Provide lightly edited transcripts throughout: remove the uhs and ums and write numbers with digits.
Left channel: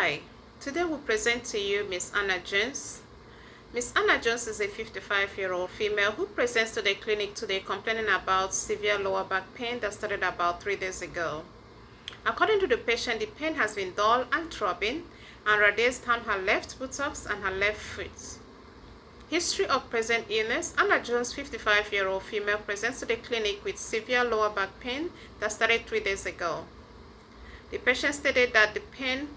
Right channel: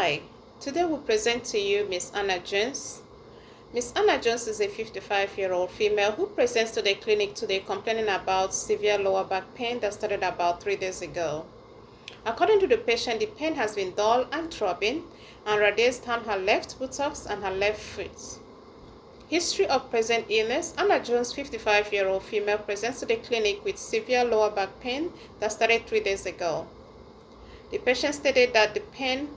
Hi, today we present to you Miss Anna Jones. Miss Anna Jones is a 55-year-old female who presents to the clinic today complaining about severe lower back pain that started about 3 days ago. According to the patient, the pain has been dull and throbbing and radiates down her left buttocks and her left foot. History of present illness. Anna Jones, 55-year-old female, presents to the clinic with severe lower back pain that started 3 days ago. The patient stated that the pain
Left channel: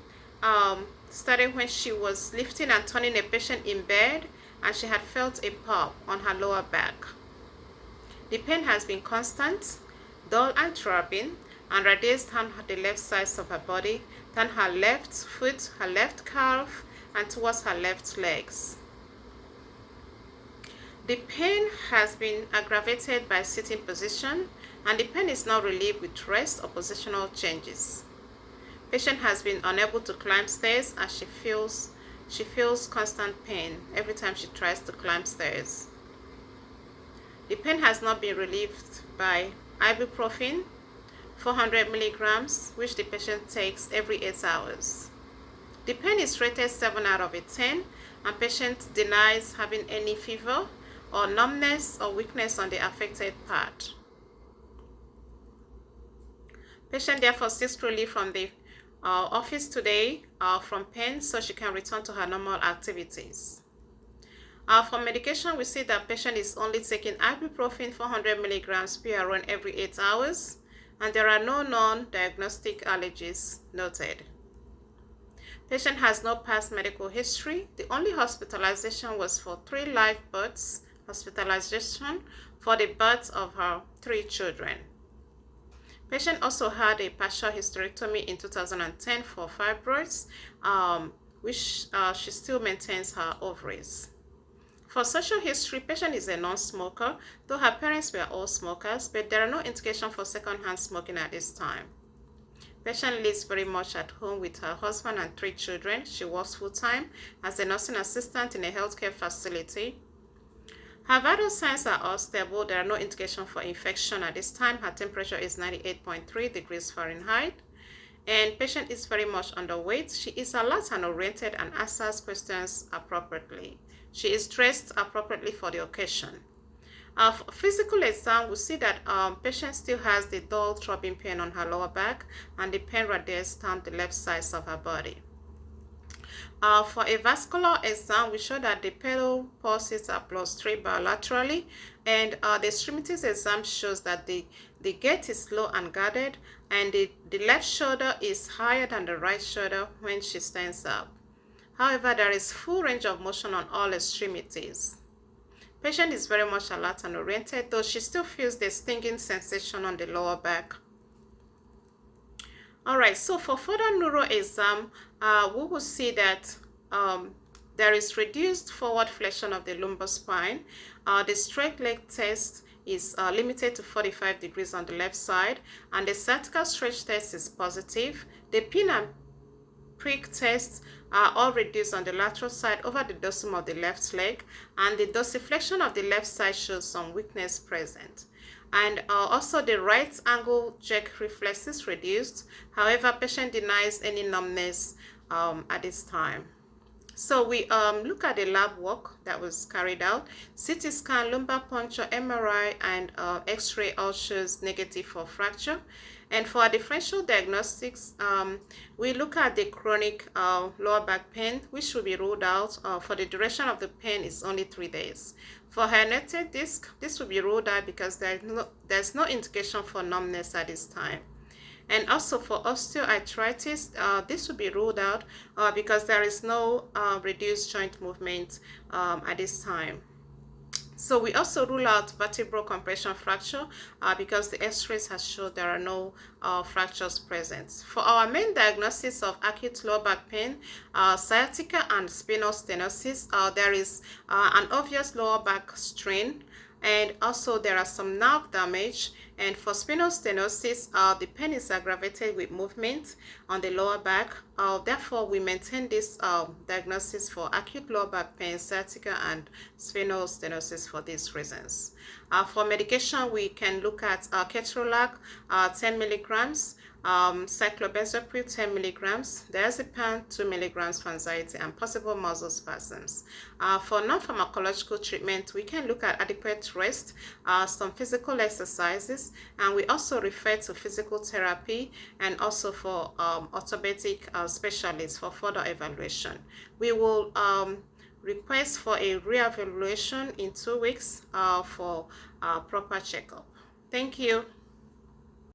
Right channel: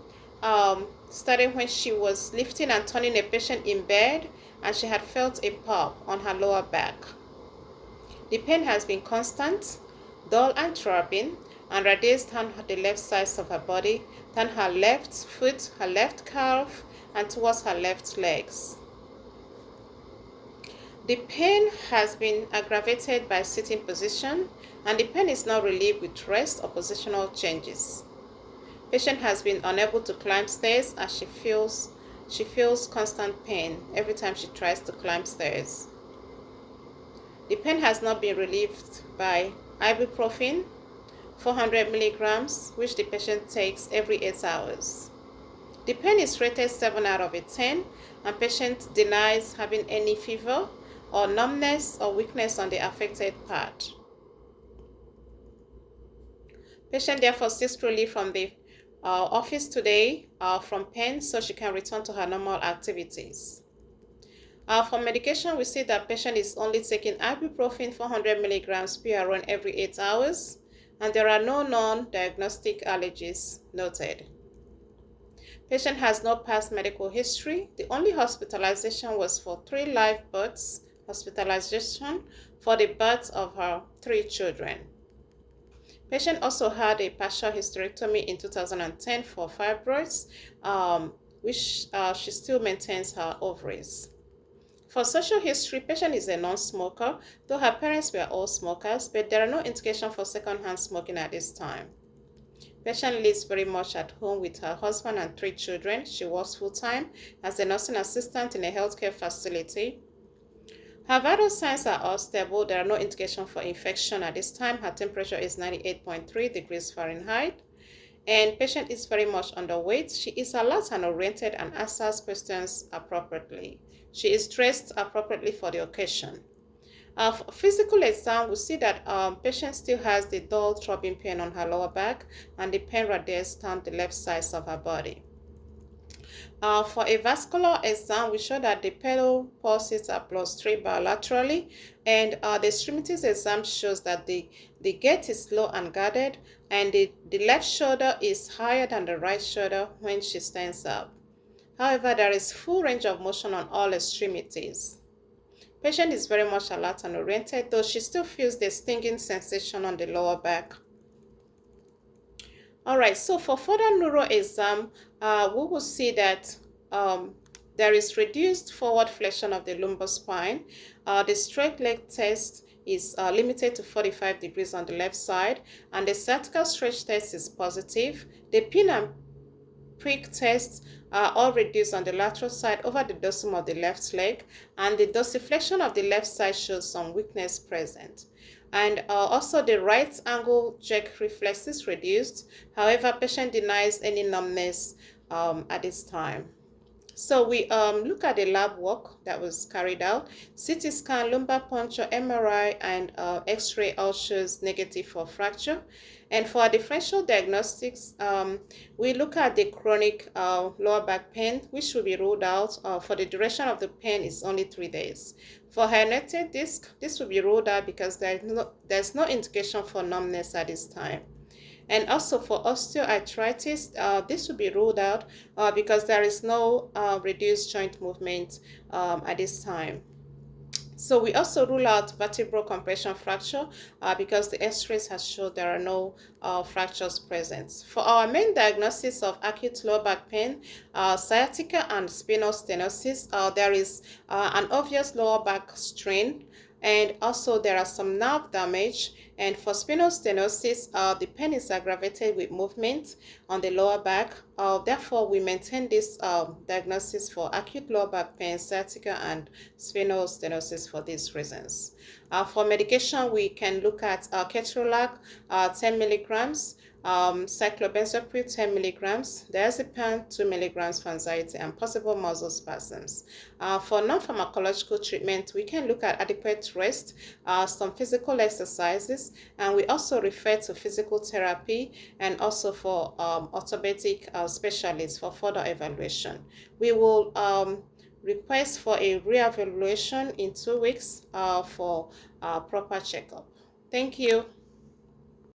started when she was lifting and turning a patient in bed and she had felt a pop on her lower back. The pain has been constant, dull and throbbing, and radiates down the left sides of her body, down her left foot, her left calf, and towards her left legs. The pain has been aggravated by sitting position, and the pain is not relieved with rest or positional changes. Patient has been unable to climb stairs as she feels constant pain every time she tries to climb stairs. The pain has not been relieved by ibuprofen 400 milligrams, which the patient takes every 8 hours. The pain is rated 7 out of 10, and patient denies having any fever or numbness or weakness on the affected part. Patient therefore seeks relief from the office today from pain so she can return to her normal activities. For medication, we see that patient is only taking ibuprofen 400 milligrams PRN every 8 hours, and there are no non-diagnostic allergies noted. Patient has no past medical history. The only hospitalization was for 3 live births, hospitalization for the birth of her 3 children. Patient also had a partial hysterectomy in 2010 for fibroids, which she still maintains her ovaries. For social history, patient is a non-smoker, though her parents were all smokers, but there are no indications for secondhand smoking at this time. Patient lives very much at home with her husband and 3 children. She works full-time as a nursing assistant in a healthcare facility. Her vital signs are all stable. There are no indications for infection at this time. Her temperature is 98.3 degrees Fahrenheit. And patient is very much underweight. She is alert and oriented and answers questions appropriately. She is dressed appropriately for the occasion. For physical exam, we see that patient still has the dull throbbing pain on her lower back and the pain radiates down the left sides of her body. For a vascular exam, we show that the pedal pulses are +3 bilaterally, and the extremities exam shows that the gait is slow and guarded, and the left shoulder is higher than the right shoulder when she stands up. However, there is full range of motion on all extremities. Patient is very much alert and oriented, though she still feels the stinging sensation on the lower back. Alright, so for further neuro exam, we will see that there is reduced forward flexion of the lumbar spine. The straight leg test is limited to 45 degrees on the left side, and the sciatica stretch test is positive. The pin and prick tests are all reduced on the lateral side over the dorsum of the left leg, and the dorsiflexion of the left side shows some weakness present. And also the right angle jerk reflex is reduced. However, patient denies any numbness at this time. So we look at the lab work that was carried out. CT scan, lumbar puncture, MRI, and X-ray all shows negative for fracture. And for our differential diagnostics, we look at the chronic lower back pain, which will be ruled out for the duration of the pain is only 3 days. For herniated disc, this will be ruled out because there's no indication for numbness at this time. And also for osteoarthritis, this will be ruled out because there is no reduced joint movement at this time. So we also rule out vertebral compression fracture because the x-rays has shown there are no fractures present. For our main diagnosis of acute lower back pain, sciatica and spinal stenosis, there is an obvious lower back strain, and also there are some nerve damage. And for spinal stenosis, the pain is aggravated with movement on the lower back. Therefore, we maintain this diagnosis for acute lower back pain, sciatica, and spinal stenosis for these reasons. For medication, we can look at ketorolac 10 milligrams cyclobenzaprine 10 milligrams, diazepam 2 milligrams for anxiety and possible muscle spasms. For non-pharmacological treatment, we can look at adequate rest, some physical exercises, and we also refer to physical therapy and also for orthopedic specialists for further evaluation. We will request for a re-evaluation in 2 weeks for proper checkup. Thank you.